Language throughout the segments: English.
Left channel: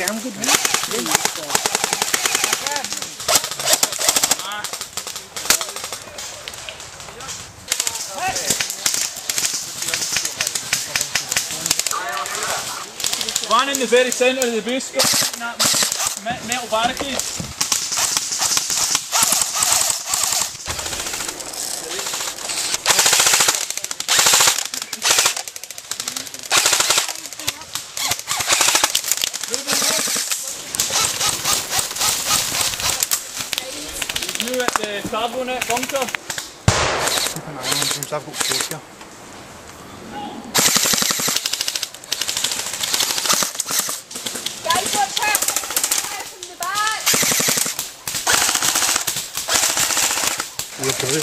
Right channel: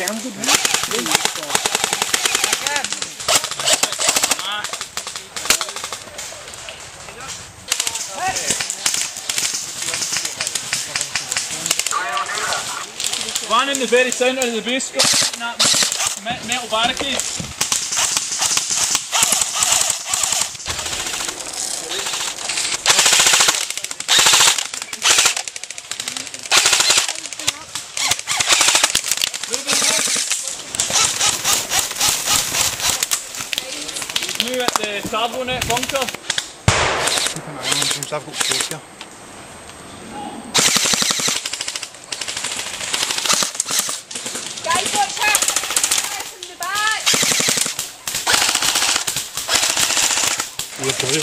damn good one. One in the very centre of the base, that metal barricade. New at the turbo net bunker. Keep an eye on James, I've got space here. Guys, watch out! From the back! Yeah, sorry.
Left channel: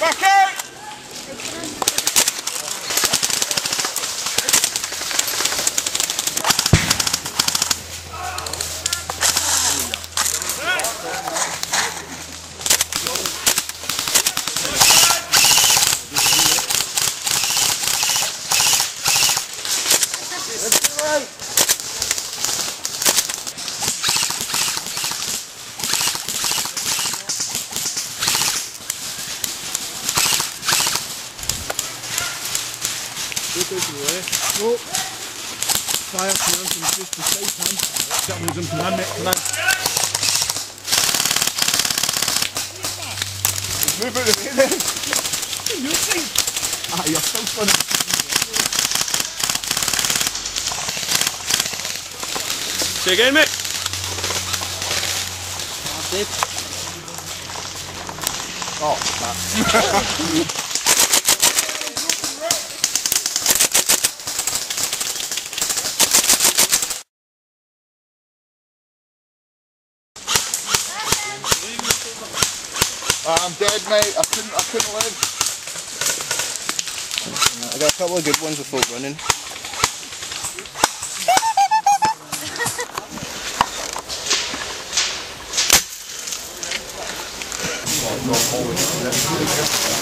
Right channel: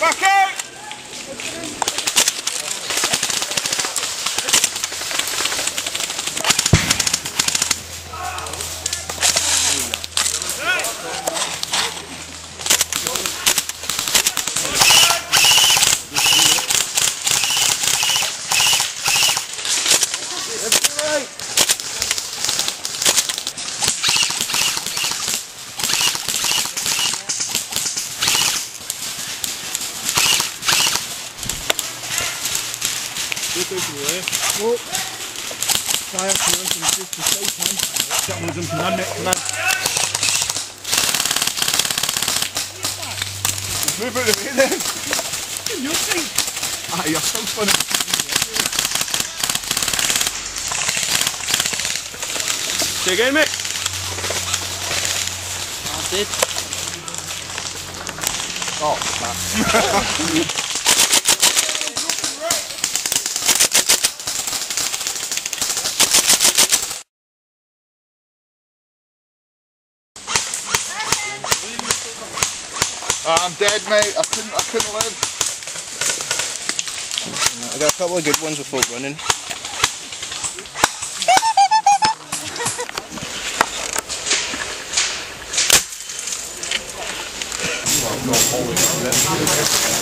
Back out! Oh, fire clearance and just the safe one. That one's in command, mate, command. Move out of the way then. You're safe. Ah, you're so funny. Say again, mate. I'm dead. Oh, crap. I'm dead, mate. I couldn't live. I got a couple of good ones before running. Oh,